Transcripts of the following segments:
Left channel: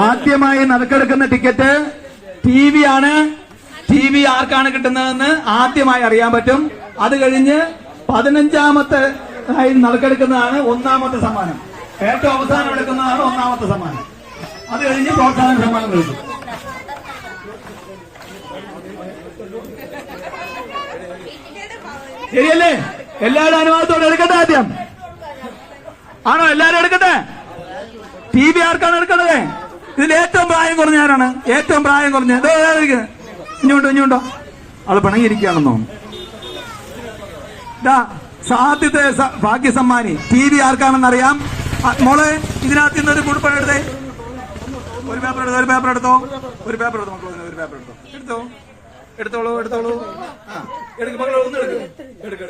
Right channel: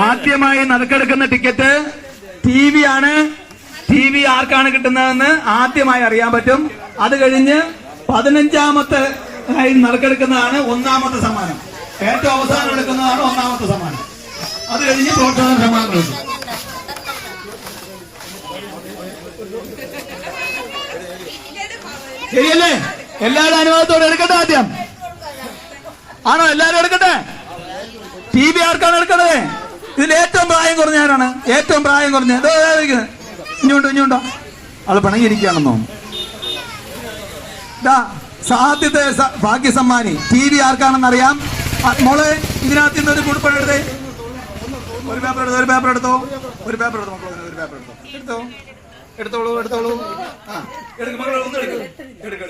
ആദ്യമായി നറുക്കെടുക്കുന്ന ticket T V ആണ് ടി വി ആർക്കാണ് കിട്ടുന്നതെന്ന് ആദ്യമായി അറിയാൻ പറ്റും. അത് കഴിഞ്ഞ് പതിനഞ്ചാമത്തെ നറുക്കെടുക്കുന്നതാണ് ഒന്നാമത്തെ സമ്മാനം. ഏറ്റവും അവസാനം എടുക്കുന്നതാണ് ഒന്നാമത്തെ സമ്മാനം. അത് കഴിഞ്ഞ് പ്രോത്സാഹന സമ്മാനം കിട്ടും ശരിയല്ലേ? എല്ലാവരും അനുവാദത്തോടെ എടുക്കട്ടെ ആദ്യം. ആണോ? എല്ലാരും എടുക്കട്ടെ? ടി വി ആർക്കാണ് എടുക്കണത് ഇതിൽ ഏറ്റവും പ്രായം കുറഞ്ഞ ആരാണ്? ഏറ്റവും പ്രായം കുറഞ്ഞ. ഇഞ്ഞുണ്ടോ ഇഞ്ഞുണ്ടോ? അത് പിണങ്ങിയിരിക്കുകയാണെന്നോ? ദാ സാധ്യത സ- ഭാഗ്യസമ്മാനി. ടി വി ആർക്കാണെന്ന് അറിയാം മോളെ ഇതിനകത്ത് നിന്ന് ഒരു പേപ്പർ എടുത്തേ. ഒരു പേപ്പർ എടുത്തോ ഒരു പേപ്പർ എടുത്തോ? ഒരു പേപ്പർ എടുത്തോ മക്കളെ ഒരു പേപ്പർ എടുത്തോ. എടുത്തോ? എടുത്തോളൂ എടുത്തോളൂ. ആ മക്കളെ ഒന്ന് എടുക്ക്.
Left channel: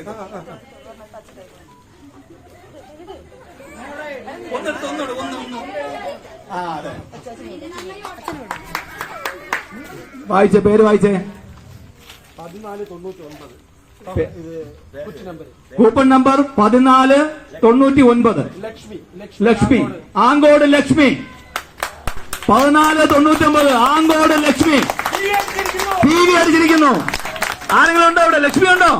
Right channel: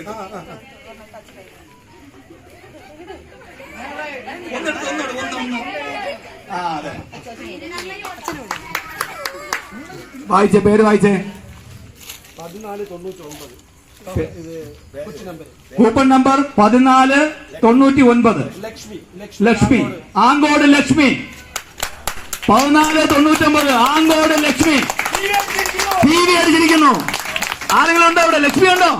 ഒന്നെടുത്ത് ഒന്നോട് ഒന്ന് ഒന്ന് ആ അതെ. വായിച്ചേ പേര് വായിച്ചേ. കൂപ്പൺ നമ്പർ പതിനാല് തൊണ്ണൂറ്റി ഒൻപത് ലക്ഷ്മി ആങ്കോട്. ലക്ഷ്മി. പതിനാല് തൊണ്ണൂറ്റി ഒമ്പത് ആങ്കോട് ലക്ഷ്മി. ടി വി അടിച്ചിരിക്കുന്നു. ആരെങ്കിലും ഉണ്ടോ ഇവിടെ? ലക്ഷ്മി ഉണ്ടോ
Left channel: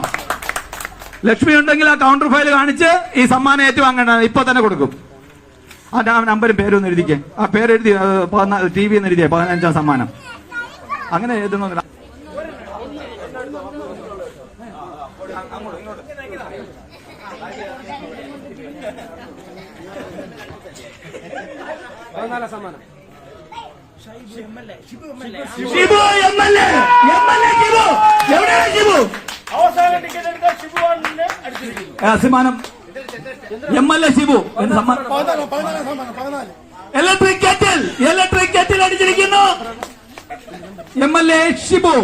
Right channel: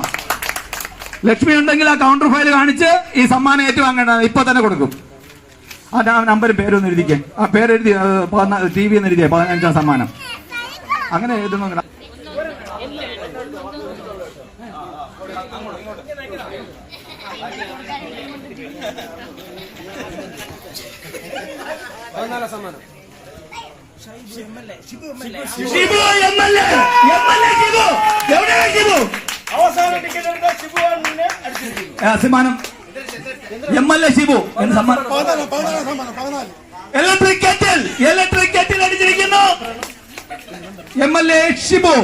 ലക്ഷ്മി ഉണ്ടെങ്കിൽ ആ കൗണ്ടർ ഫയൽ കാണിച്ച് ഈ സമ്മാനം ഏറ്റുവാങ്ങണ ഇപ്പൊ തന്നെ കൊടുക്കും. ആ നമ്പർ നമ്പരും പേരൊന്ന് എഴുതിക്കേ. ആ പേരെഴുതി ടി വി എന്ന് എഴുതിയേ പതിനഞ്ചാം സമ്മാനം. അങ്ങനെ എഴുതുന്നു Shibu M L A Shibu എവിടെയാണ് ഷിബു അവസാന ടിക്കറ്റ് എടുത്ത ഷിബു അടിച്ചിരിക്കുന്നു സമ്മാനം എം എൽ എ ഷിബു എന്ന് സമ്മാനം. പതിനാല് പതിനാല് സമ്മാനം പതിനാല്. Electric kettle electric kettle അടിച്ചിരിക്കുന്നു. M L A Shibu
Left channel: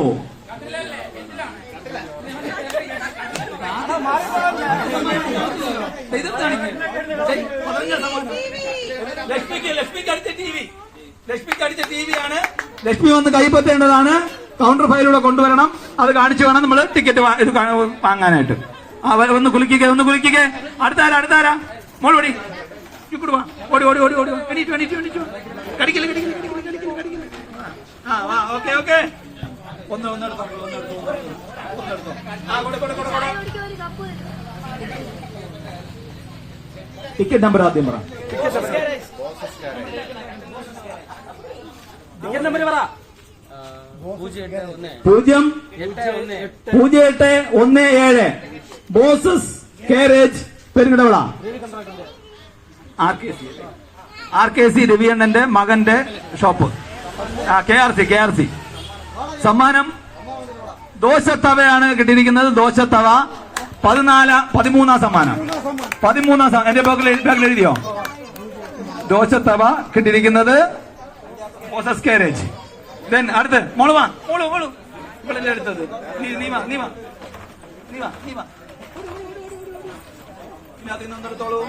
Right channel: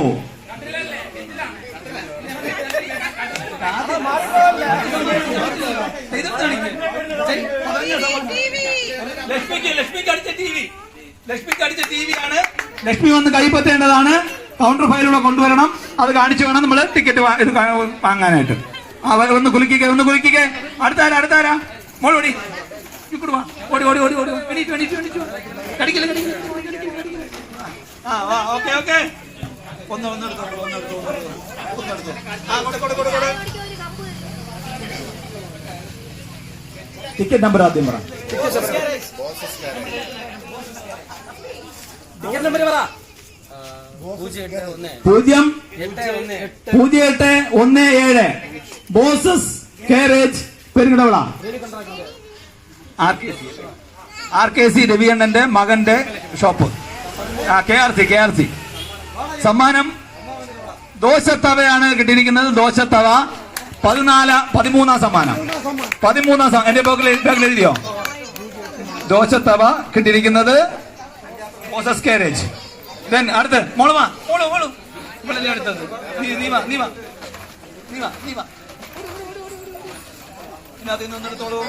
Lakshmi വന്ന് കൈപ്പറ്റേണ്ടതാണ്. കൗണ്ടർ ഫയലൂടെ കൊണ്ടുവരണം. അത് കാണിച്ചു വേണം നമ്മൾ ടിക്കറ്റ് ഇത് വാങ്ങാനായിട്ട്. ഒന്ന് കുലുക്കിക്കേ ഒന്ന് കുലുക്കിക്കേ. അടുത്താരാ അടുത്താരാ? മോൾ ഓടി. ഇങ്ങോട്ട് ഓടി ഓടി ഓടി ഓടി. ആ വാ ഓക്കെ ഓക്കെ. ഒന്ന് ഒന്ന് എടുത്തോ ഒന്ന് എടുത്തോ ഒന്ന് എടുത്തോ. ആ കൊടെ കൊടെ കൊടെ കൊടെ. ടിക്കറ്റ് നമ്പർ ആദ്യം പറ. പൂജ്യം പൂജ്യം എട്ട് ഒന്ന്. ഏഴ്. Bosses carriage Perukidavila R K C രവിയണ്ണന്റെ മകന്റെ shop K R C K R C സമ്മാനം ദോശത്തവയാണ് കിട്ടിയിരിക്കുന്നത്. ദോശത്തവ. പതിനാല് പതിമൂന്നാം സമ്മാനം. പതിമൂന്നാം സമ്മാനം. എന്റെ ബാഗിൽ ബാഗിൽ എഴുതിയോ? ദോശത്തവ കിട്ടിയിരിക്കുന്നത് മോസസ് കാരേജ് ദെൻ അടുത്ത് മോൾ വാ. മോൾ മോൾ. ഇവളല്ലേ അടുത്തത്? നീ നീ വാ നീ വാ. നീ വാ നീ വാ. ഇതിനകത്ത് നിന്ന് ഒന്നെടുത്തോളൂ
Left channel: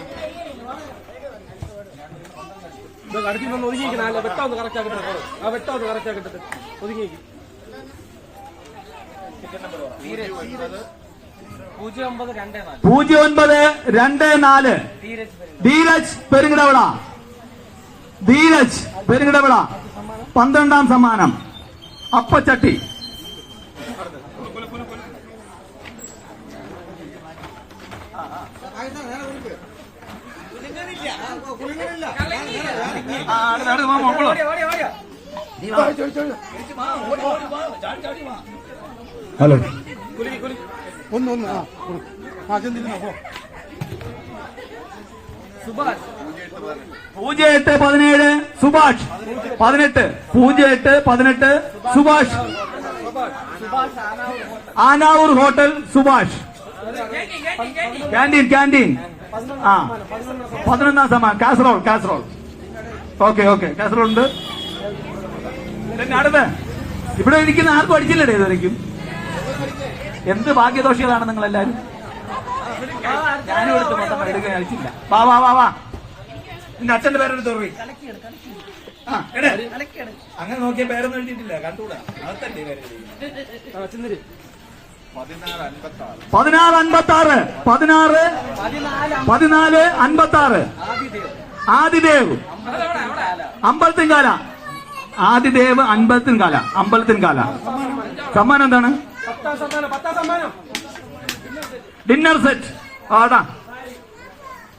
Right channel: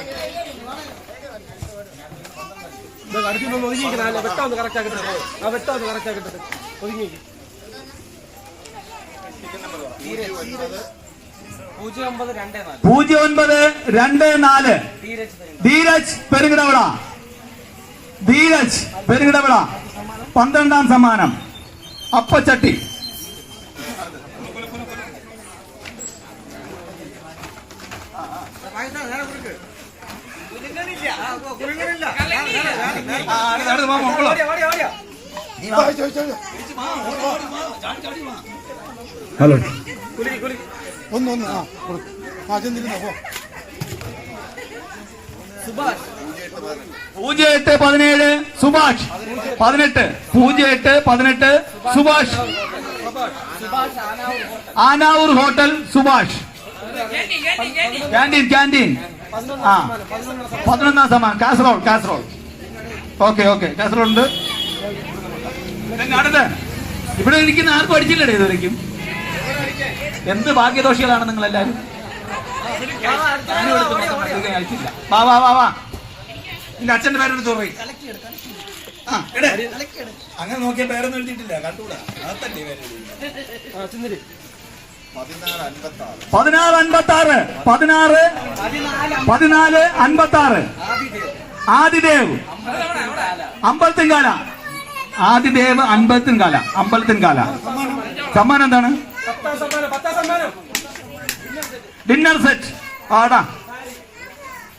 അടുത്ത് നിന്ന് ഒതുങ്ങിയിരിക്കുന്ന വെട്ടം ഒന്ന് കറക്റ്റ് ആക്കിട്ട് ആ വെട്ടം ഒന്ന് കറക്റ്റ് ആക്കിട്ട് ഒതുങ്ങിയിരിക്കും. പൂജ്യം ഒൻപത് രണ്ട് നാല്. ധീരജ് പെരുകിടവിള ധീരജ് പെരുകിടവിള പന്ത്രണ്ടാം സമ്മാനം. അപ്പച്ചട്ടി. ഹലോ. ഒന്ന് ഒന്ന് ആ കൊടുക്ക്. ആ ചെന്നിരുന്നോ പോ. പൂജ്യം എട്ട് പതിനേഴ് സുഭാഷ്. പതിനെട്ട്. പൂജ്യം എട്ട് പതിനെട്ട് Subhash. Anavoor hotel. Subhash. Canteen canteen. ആ പതിനൊന്നാം സമ്മാനം. Casserole casserole okay okay. Casserole ഉണ്ട് അടുത്ത്. ഇവിടെ ഇരിക്കുന്ന ആർക്കും അടിച്ചില്ലേ ഇതുവരെയ്ക്കും എന്ത് ഭാഗ്യദോഷികളാണ് നിങ്ങൾ എല്ലാവരും വാ വാ വാ വാ. പിന്നെ അച്ഛന്റെ പേരെടുത്ത് പോയി ആ എടേ. അങ്ങനെ നോക്കിയ പേരൊന്നും എഴുതിയിട്ടില്ല. കണ്ടൂടാ. അതല്ലേ പേര് ആ ചിന്തിരി. പതിനാറ് അൻപത്തി ആറ് പതിനാറ്. പതിനാല് അൻപത്തി ആറ് ആദിദേവ്. അമ്പലത്തിൻകാല. ആദിദേവ് അൻപത്തിൻകാല അമ്പലത്തിൻകാല. സമ്മാനം എന്താണ്? പത്താം സമ്മാനം പത്താം സമ്മാനം ഡിന്നർ സെറ്റ് ആടാ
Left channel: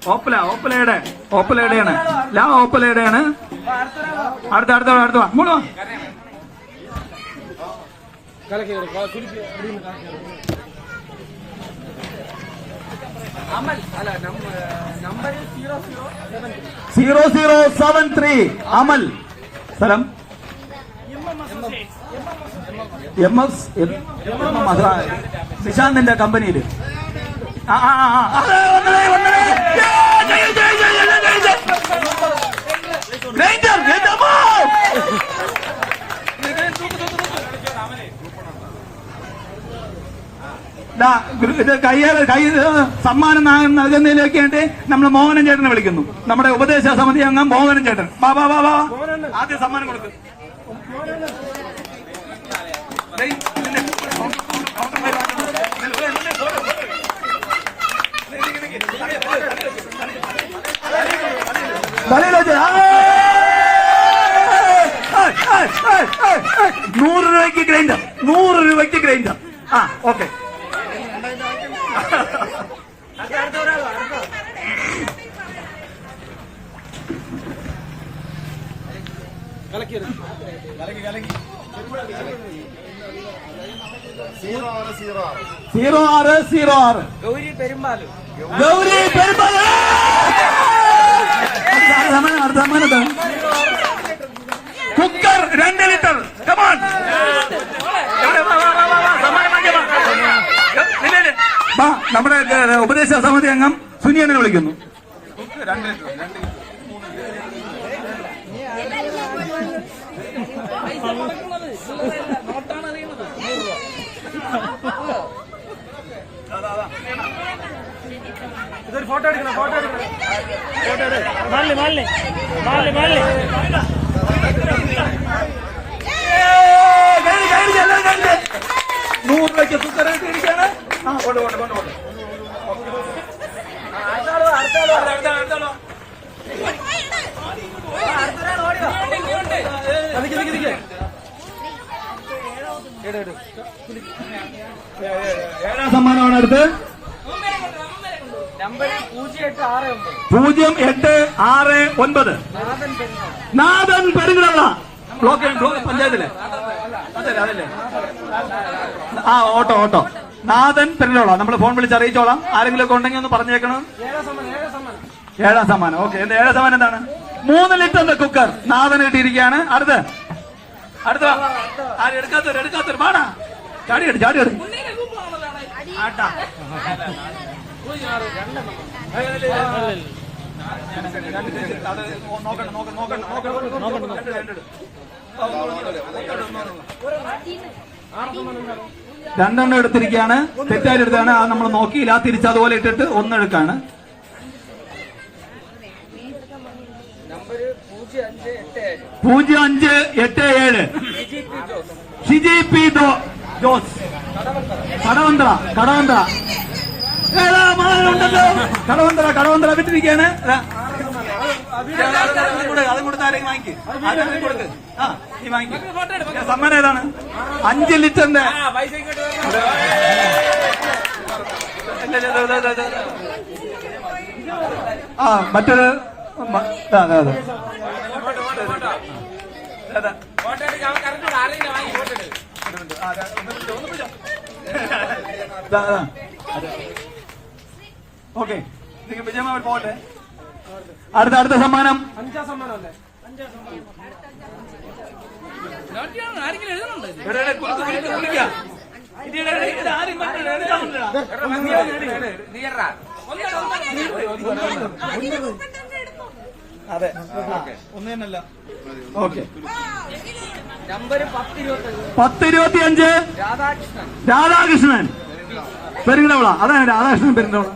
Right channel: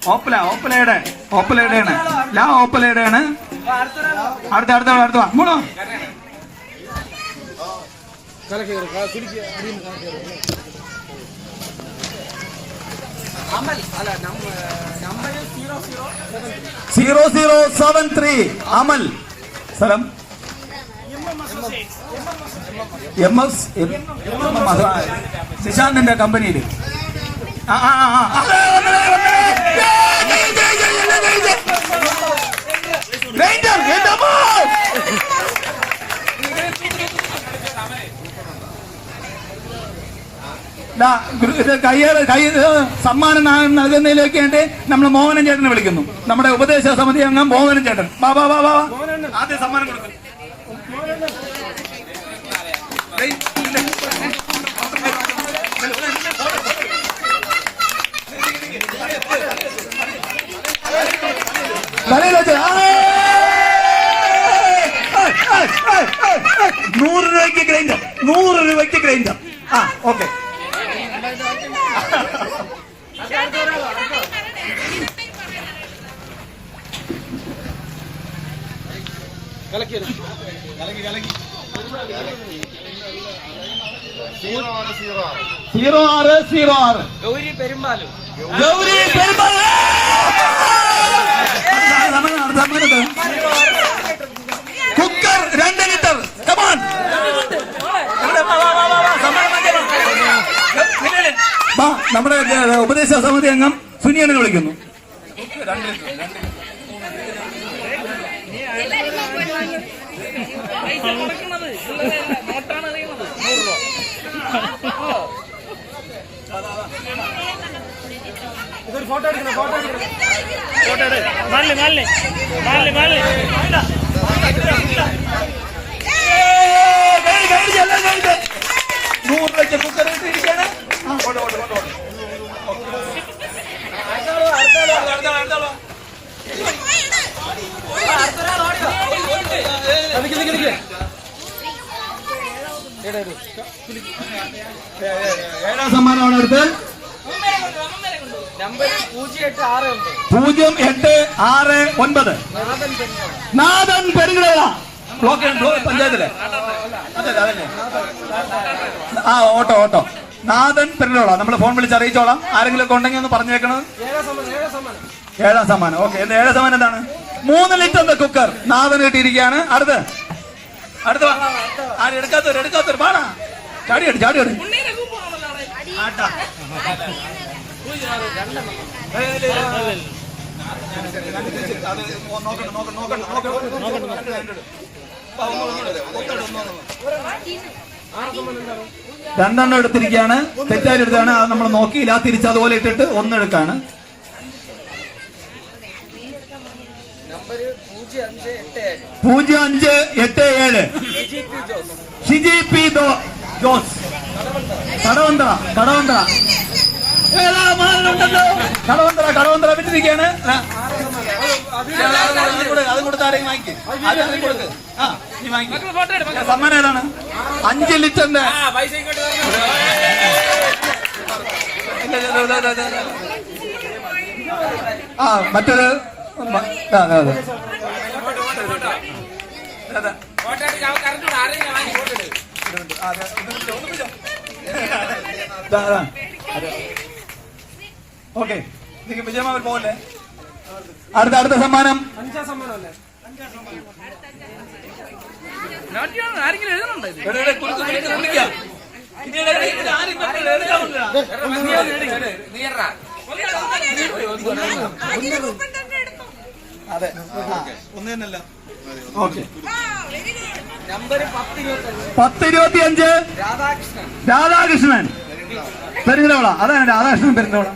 ഓപ്പല ഓപ്പലയുടെ ഓപ്പലയുടെയാണ് ലാ ഓപ്പലയുടെയാണ് അടുത്ത അടുത്ത അടുത്ത വാ. ഇങ്ങോട്ട് വാ. കലക്കി വരും കുടിക്കുക അടിയിൽ നിന്ന് കലക്കി വരും zero zero seven three Amal സ്ഥലം എം എസ് നിശാന്തിന്റെ കമ്പനിയിൽ ഇത് കയ്യേറെ കൈ സമ്മാനം നൽകുന്നതിലേക്ക് വേണ്ടി നമ്മൾ മോഹനൻ ചേട്ടനെ വിളിക്കുന്നു. നമ്മുടെ ഉപദേശ സമിതി അംഗം മോഹനൻ ചേട്ടൻ. വാ വാ. ആദ്യം സമ്മാനം കൊടുക്കും. നൂറ് രൂപയ്ക്ക് ഗ്രൈൻഡർ. നൂറ് രൂപയ്ക്ക് ഗ്രൈൻഡർ. ആ ഓക്കെ. സീറോ ആറ് സീറോ ആറ്. ഗൗരി പെരുമ്പാലു ഗൗരി പെരുമാൾ. കുക്കർ രണ്ട് ലിറ്റർ. കമാൻ നമ്മുടെ ഉപദേശ സമിതി അംഗം സുനിയനെ വിളിക്കുന്നു. ഫോട്ടോ എടുക്കണം ഫോട്ടോ എടുക്കണം. ഫോട്ടോ എടു. മാലിനി മാലിനി മാലിനി മാലിനി. നൂറ് രൂപയ്ക്ക് കുക്കർ ഇട്ടിരിക്കുകയാണ് ആ, കൊണ്ട്, കൊണ്ട്, കൊണ്ട്, കൊണ്ട്. അടുത്ത ആൾ, അടുത്ത ആൾ. നിക്ക് പൂജ്യം എട്ട് ആറ് ഒൻപത്. നാഥൻ പെരുങ്ങള ബ്ലോക്ക് ബ്ലോക്ക് പഞ്ചായത്തിലെ. അതല്ലേ, അതല്ലേ? ആ ഓട്ടോ ഓട്ടോ. നാഥൻ പെരുങ്ങളോളാം നമ്മൾ ഫോൺ വിളിച്ച് അറിയിച്ചോളാം. ആരെങ്കിലും ഒക്കെ ഉണ്ടെങ്കിൽ ഒന്ന് പറഞ്ഞേക്കണം ഏഴാം സമ്മാനം ഏഴാം സമ്മാനം. ഓക്കെ എന്റെ ഏഴാം സമ്മാനം എന്താണ്? മൂന്ന് ലിറ്ററിന്റെ കുക്കർ നാഥൻ കിട്ടിയിരിക്കുകയാണ്. അടുത്ത. അടുത്ത വാ. എടുക്കാത്തൊരു എടുക്കാത്തവർ എടുക്കാത്തവർ പാടാ ചാടി എടു ചാടി എടു രണ്ടെണ്ണം എടുത്തിരിക്കുകയാണ്. തെറ്റായി എടുത്താണ്. അത് നമ്മൾ നോക്കിയില്ല. തിരിച്ച് അതുപോലെ ഇട്ടിട്ട് ഒന്നെടുക്കാണ് പൂജ്യം അഞ്ച് എട്ട് ഏഴ്. ഷിജി പി ദോ- ജോസ്. കടവന്ത്ര കടവന്ത്ര മകളുണ്ടല്ലോ കടവന്ത്ര കടവന്ത്ര വിട്ടിരിക്കുകയാണ് ആ. അത് കൊടുക്ക്, അത് കൊടുത്ത് ആരെങ്കിലും വാങ്ങിക്ക്. ആരെങ്കിലും ആ, നീ വാങ്ങിക്ക്. സമ്മാനം ഏതാണ് അഞ്ച് ലിറ്ററിന്റെ. ആ മറ്റൊരു അതെ അതെ ഓക്കെ. വിജയമാവൻ പോലെ അടുത്ത അടുത്ത സമ്മാനം. അഞ്ചാം സമ്മാനം അല്ലേ? ആരെങ്കിലും എഴുതണുണ്ടോ. അതെ. ഒന്ന് തന്നെയല്ല. ഓക്കെ. പത്തിരുപത്തിയഞ്ച്. രാധാകൃഷ്ണൻ. പെരുന്തോള അതാണ് രാധാകൃഷ്ണൻ പെരുന്തോള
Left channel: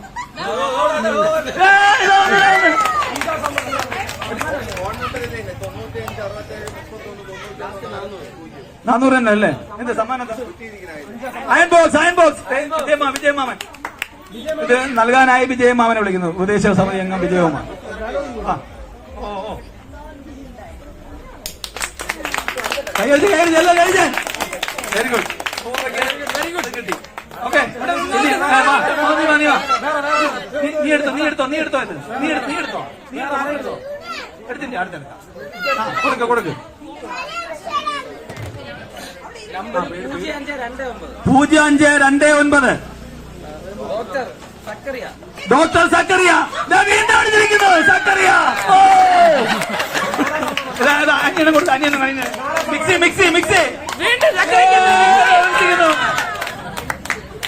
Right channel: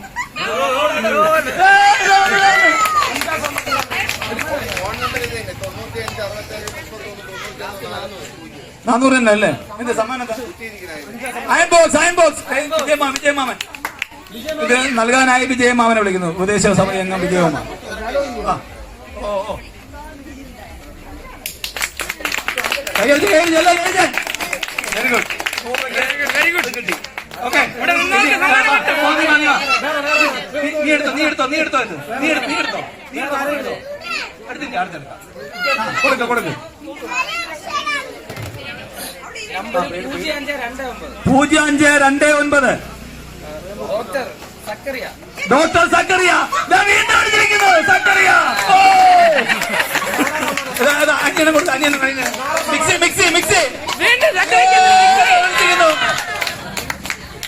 നാനൂറ് തന്നെ അല്ലേ? എന്റെ സമ്മാനം ബോക്സ് വിജയമാമൻ ഇത് നൽകാനായി വിജയമാമനെ വിളിക്കുന്നു. ഉദ്ദേശ സമയം അംഗം വിജയമാമൻ വെരി ഗുഡ്. Very good. കിട്ടി. ആ, നീ എടുത്തോ നീ എടുത്തോ നീ എടുത്തോ നീ എടുത്തോ നീ എടുത്തോ നീ എടുത്തോ നീ എടുത്തോ എടുത്തില്ല അടുത്തല്ല കൊടുക്ക കൊടുക്ക് പൂജ്യം അഞ്ച് രണ്ട് ഒൻപത് ഡോക്ടർ സക്കറിയ ഡോക്ടർ സക്കറിയ വീണ്ടും സക്കറിയ അന്യന് കൊടുത്തു അന്യന് കഴിഞ്ഞ് മിക്സി മിക്സി മിക്സി എടുത്തിരിക്കുന്നു.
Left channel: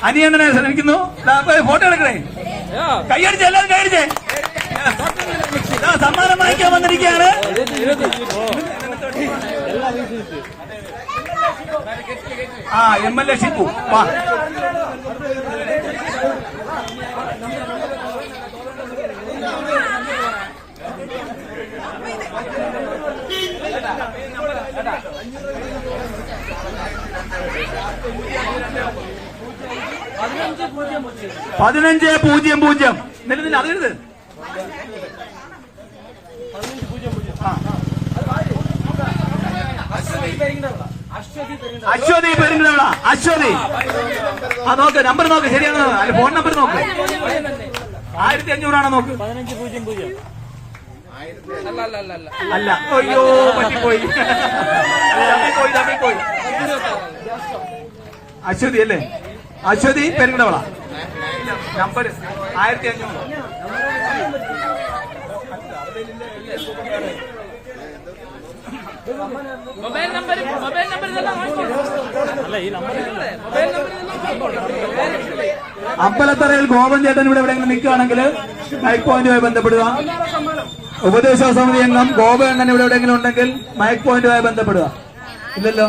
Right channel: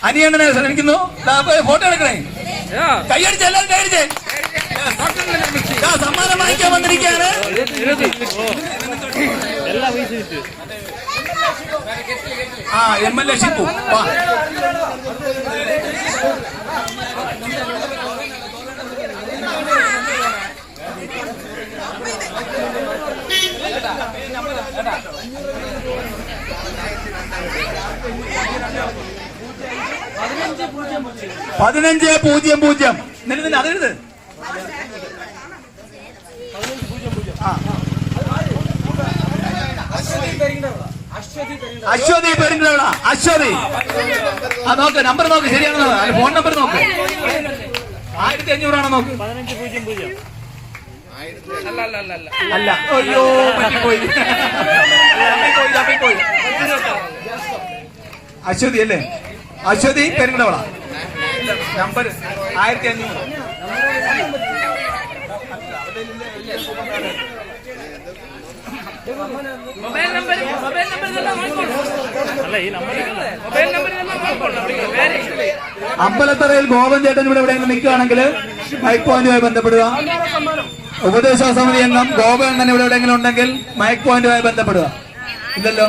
അനിയണ്ണനെ ശ്രമിക്കുന്നു. ഫോട്ടോ എടുക്കണേ. കൈയടിച്ച് എല്ലാവരും കൈയടിച്ച് സമ്മാനം വാങ്ങിക്കാൻ വന്നിരിക്കുകയാണ്. ആ എം എൽ എ ഷിപ്പു പതിനഞ്ച് പൂജ്യം പൂജ്യം. നിലത്തിന് നിലനിന്ന് അതെഴുത്. അശ്വതി പെരിങ്ങട അശ്വതി. ആ നോക്ക് നമ്പർ നോക്ക് ശരിയാണെന്ന് നോക്ക് ഫോൺ നമ്പർ നോക്ക്. ആയിരത്തി അഞ്ഞൂറാണ് നോക്ക്? പതിനഞ്ച് പൂജ്യം പൂജ്യം. അല്ല അല്ല. അല്ല അല്ല അല്ല അയ്യോ പറ്റിപ്പോയി. തപ്പിപ്പോയി, തപ്പിപ്പോയി. അശ്വതി അല്ലേ? അശ്വതി പെരുന്തള നമ്പർ ആയിരത്തി അഞ്ഞൂറ്. മൊബൈൽ നമ്പർ മൊബൈൽ നമ്പർ ഇതെല്ലാം അല്ല ഈ നമ്പർ മൊബൈൽ നമ്പർ ഇതെല്ലാം വാങ്ങിക്കോളൂ. പേര് അമ്പലത്തറയിൽ ഗോപൻ ചേട്ടൻ ഇവിടെ എവിടെയെങ്കിലും നിൽക്കുകയാണെങ്കിൽ മൈക്ക് പോയിന്റുമായി ബന്ധപ്പെടുക. ഉപദേശ സമിതി അംഗം ഗോപകണ്ണൻ ഇവിടെ എവിടെയെങ്കിലും ഉണ്ടെങ്കിൽ മൈക്ക് പോയിന്റുമായി ബന്ധപ്പെടുക ഇല്ലല്ലോ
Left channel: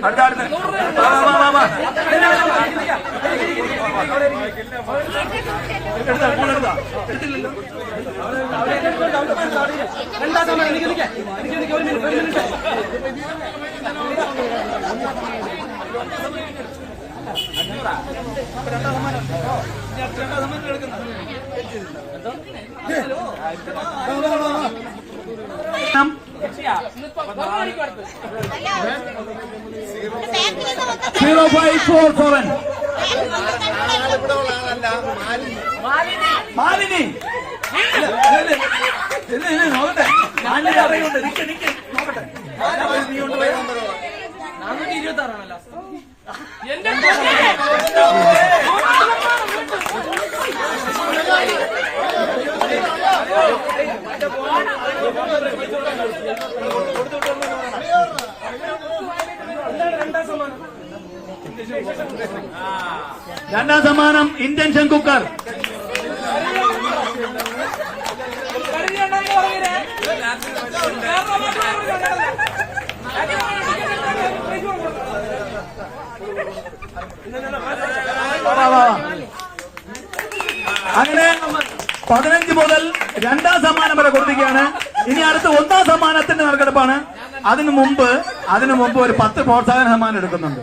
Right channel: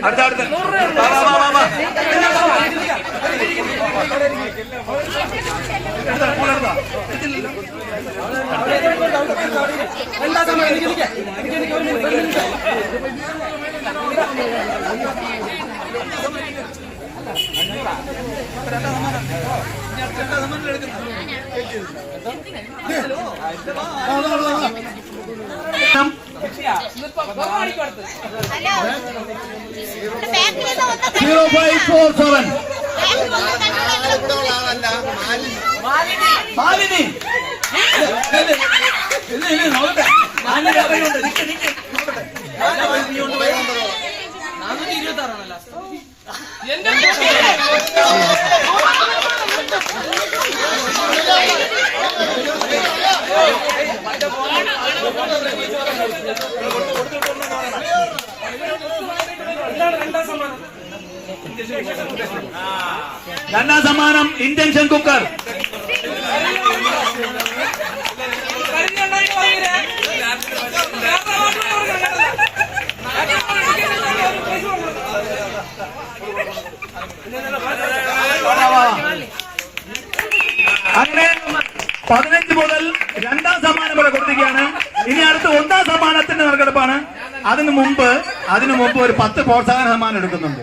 അടുത്ത, അടുത്ത. വാ, വാ, വാ, വാ. എടുത്തോ, full എടുത്തോ. Zero five four seven Malini ഇല്ല, ഇല്ല, ഇല്ല, നോക്കട്ടെ. മാലിനി അറിയുന്നുണ്ട്. നിക്ക്, നിക്ക്, രണ്ടാം സമ്മാനം ഇന്റൻഷൻ കുക്കർ അങ്ങനെ പതിനഞ്ച് മുതൽ രണ്ടാം സമ്മാനം വരെ കൊടുത്തിരിക്കുകയാണ്. ഇനി അടുത്ത ഒന്നാം സമ്മാനത്തിന്റെ നറുക്കെടുപ്പാണ് അതിനു മുമ്പ് അതിനു മുമ്പ് ഒരു പത്ത് പ്രോത്സാഹന സമ്മാനം എടുക്കുന്നുണ്ട്.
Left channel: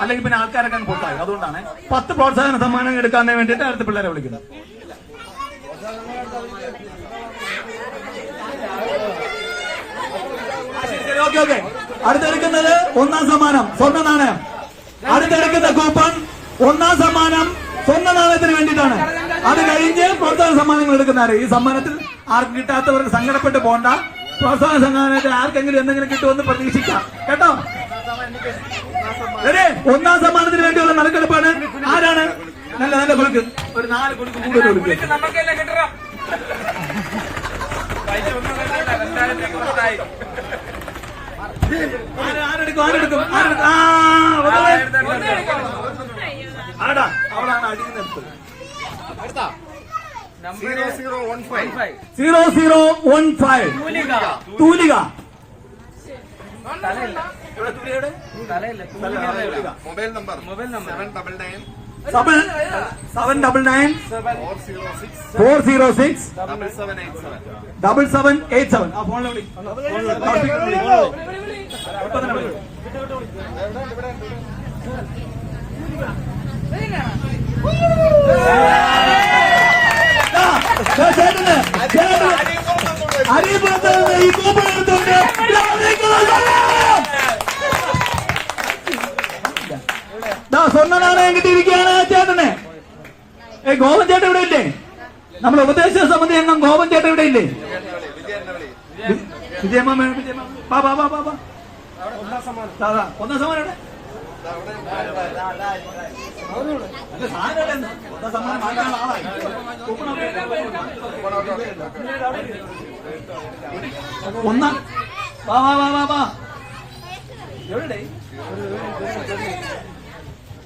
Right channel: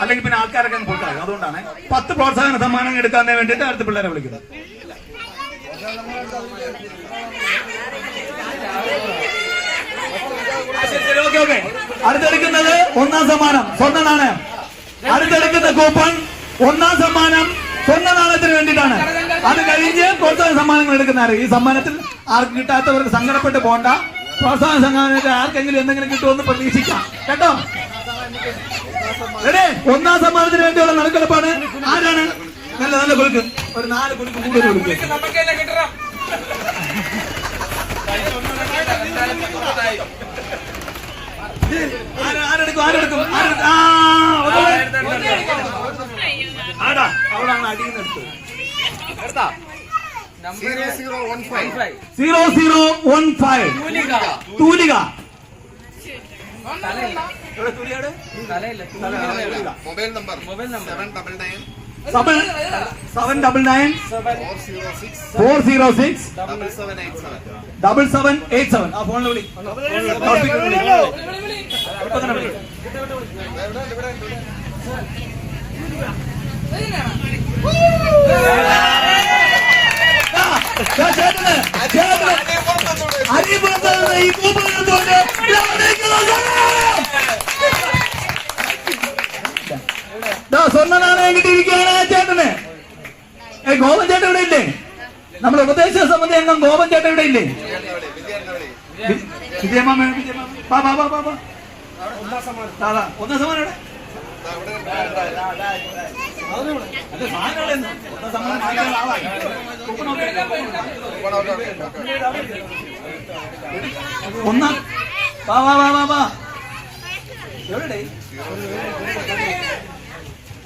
അല്ലെങ്കിൽ പിന്നെ ആൾക്കാരൊക്കെ അങ്ങ് പൊട്ടാകും അതുകൊണ്ടാണ്. പത്ത് പ്രോത്സാഹന സമ്മാനം എടുക്കാൻ വേണ്ടിയിട്ട് അടുത്ത പിള്ളേരെ വിളിക്കുന്നത്. അടുത്തെടുക്കുന്നത് ഒന്നാം സമ്മാനം സ്വർണ നാണയം. അടുത്തെടുക്കുന്ന കൂപ്പൺ ഒന്നാം സമ്മാനം സ്വർണ നാണയത്തിന് വേണ്ടിയിട്ടാണ്. അത് കഴിഞ്ഞ് പ്രോത്സാഹന സമ്മാനങ്ങൾ എടുക്കുന്നവർ ഈ സമ്മാനത്തിൽ ആർക്കും കിട്ടാത്തവർക്ക് സങ്കടപ്പെട്ട് പോണ്ട. പ്രോത്സാഹന സമ്മാനത്തിൽ ആർക്കെങ്കിലും എന്തെങ്കിലും കിട്ടുമെന്ന് പ്രതീക്ഷിക്കാം. കേട്ടോ? അതെ ഒന്നാം സമ്മാനത്തിന് വേണ്ടിയുള്ള നടുക്കെടുപ്പാണ്. ആരാണ്? നല്ല നല്ല കുലുക്ക്. ഒരു നാല് കുലുക്ക് കൂടുതൽ കുലുക്ക്. ആര്- ആരെടുക്കും ആരെടുക്കും? ആരെടുക്കും? ആ ആടാ അവിടാണ് അടിയിൽ സീറോ സീറോ വൺ ഫൈവ് തൂലിക. തലയില്ല. തലയില്ല. തൂങ്ങിയാണ് mobile number. Mobile number. Seven double nine. Double seven double nine four zero six. Four zero six double seven eight seven. Double seven eight seven ആ ഫോണിൽ വിളി. ഫോണിൽ വിളി. അറിയപ്പെടുന്നത് ഈ കൂപ്പൺ എടുത്തുകൊണ്ട് സ്വർണനാണയം കിട്ടിയിരിക്കുകയാണ് ചേട്ടന് ഏ ഗോപൻ ചേട്ടൻ ഇവിടെ ഇല്ലേ നമ്മൾ ഉപദേശ സമിതി അംഗം ഗോപൻ ചേട്ടൻ ഇവിടെ ഇല്ലേ വിജയമ്മ പാ പാ പാ. പാ ഒന്നാം സമ്മാനം. ഒന്നാം ഒന്നാം. വാ വാ വാ വാ വാ. എവിടെ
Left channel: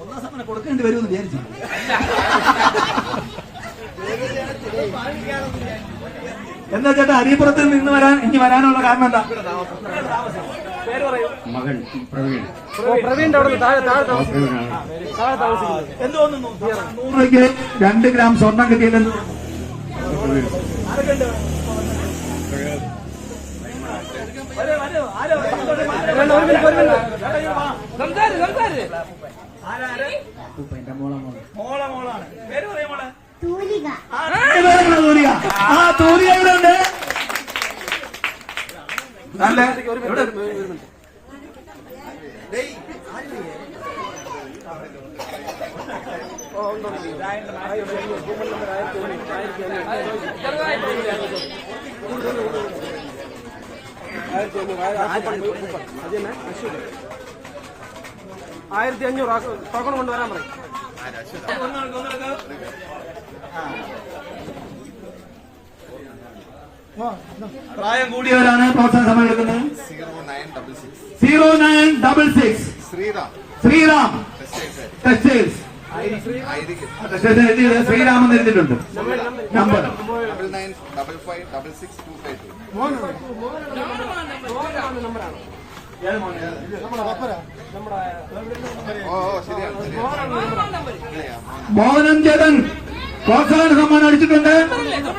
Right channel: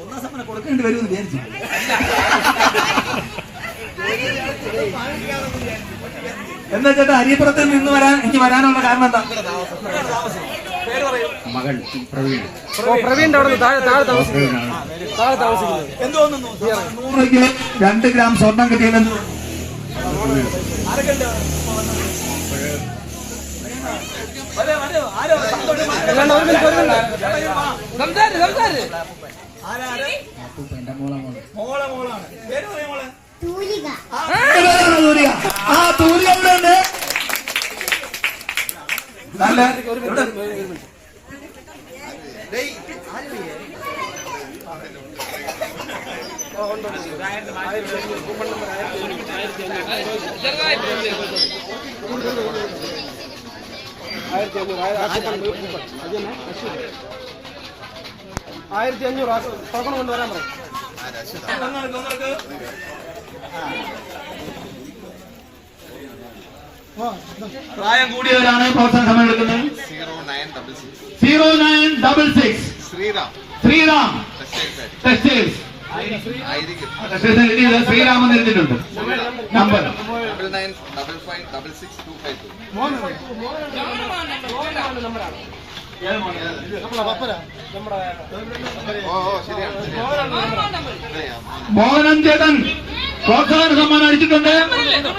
ഒന്നാം സമ്മാനം കൊടുക്കേണ്ടി വരുമെന്ന് വിചാരിച്ചു എന്താ ചേട്ടാ ഹരിപുരത്തിൽ നിന്ന് വരാൻ ഇനി വരാനുള്ള കാരണം എന്താ? മകൻ പ്രവീൺ. നൂറ് രണ്ട് ഗ്രാം സ്വർണം കിട്ടിയതെന്ന് മോളാണ്. പേര് പറയാ മോളെ. തൂലിക. ആ, തൂലിക ഉണ്ട് നല്ല? ആയിരത്തി അഞ്ഞൂറ് ടോക്കൺ കൊണ്ടുവരാൻ പറയും പ്രായം കൂടിയവരാണ് പ്രോത്സാഹന സമയം എടുക്കുന്നത്. Zero nine double six zero nine double six Sreeram Sreeram textiles Sreeraman എഴുതിയിട്ടുണ്ട്. Number. Double nine double five double six two five two Mohanam ചേട്ടൻ. പ്രോത്സാഹന സമ്മാനം അടിച്ചിട്ടുണ്ട്.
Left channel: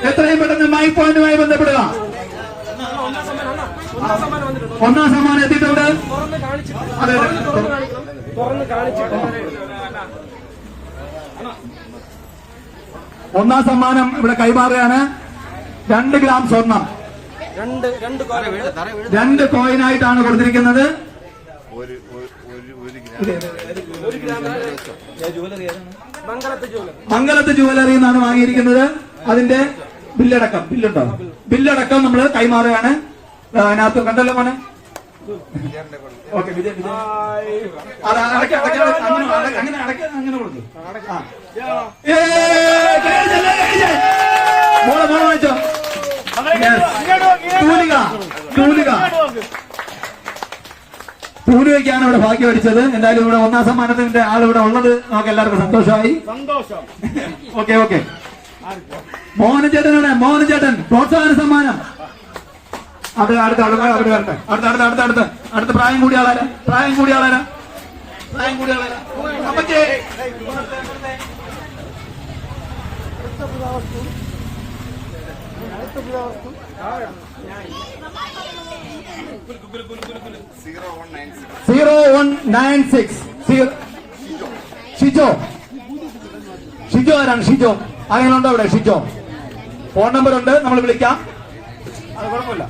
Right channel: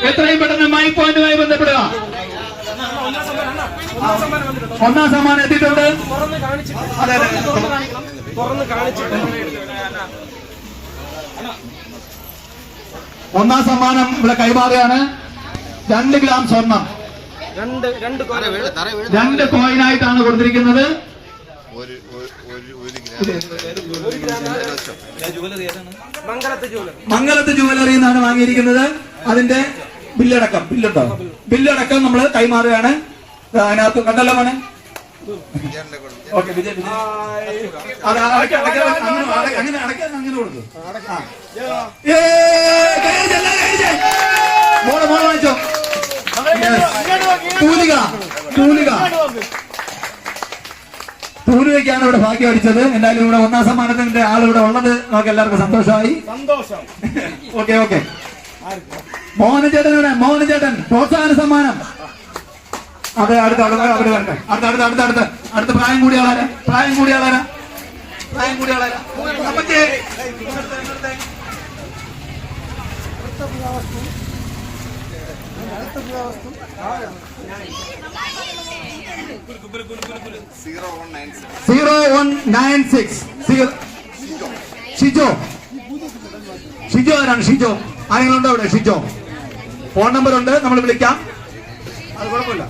എത്രയും പെട്ടെന്ന് മൈ പോയിന്റുമായി ബന്ധപ്പെടുക. ഒന്നാം സമ്മാനം എത്തിയിട്ടുണ്ട്. തുറന്ന് കാണിച്ചിട്ട് അതെ. ഒന്നാം സമ്മാനം ഇവിടെ കൈമാറുകയാണ്. രണ്ട് ഗ്രാം സ്വർണം. രണ്ട് കോയിനായിട്ടാണ് കൊടുത്തിരിക്കുന്നത്. ഒരു ഒരു മംഗലത്തെ ജുവലറി. എന്നാണ് വാങ്ങിയിരിക്കുന്നത്. അതിന്റെ ബില്ലടക്കം. ബില്ലുണ്ടോ? ബില്ലടക്കം നമ്മൾ കൈമാറുകയാണ്. അതിനകത്ത് കണ്ടല്ലോ മോനെ. ഓക്കെ അങ്ങനെ അടയ്ക്കാൻ പൂനുവയ്ക്കാണ് ഇവിടെ ഭാഗ്യം അടിച്ചത്. എന്തായാലും ഇവിടെ ഒന്നാം സമ്മാനത്തിന്റെ ആൾ ഉള്ളത്. നമുക്ക് എല്ലാവർക്കും സന്തോഷമായി. സന്തോഷം. ഓക്കെ മോഹന ചേട്ടൻ മോഹന ചേട്ടൻ പ്രോത്സാഹന സമ്മാനം. അത് അടുത്ത അടുത്ത അടുത്ത അടുത്ത അടുത്ത അടുത്ത അടുത്ത പ്രായം കൂടിയ ആളാരാ? പ്രായം കൂടിയ ആളാരാ? പ്രായം കൂടിയ ആളാരാ? Zero one nine six. Shijo. Shijo ആരാണ്? ഷിജോ. ആരെങ്കിലും ഉണ്ടോ അവിടെ? ഷിജോ. ഫോൺ നമ്പർ ഉണ്ട് നമ്മൾ വിളിക്കാം. അത് കുഴപ്പമില്ല.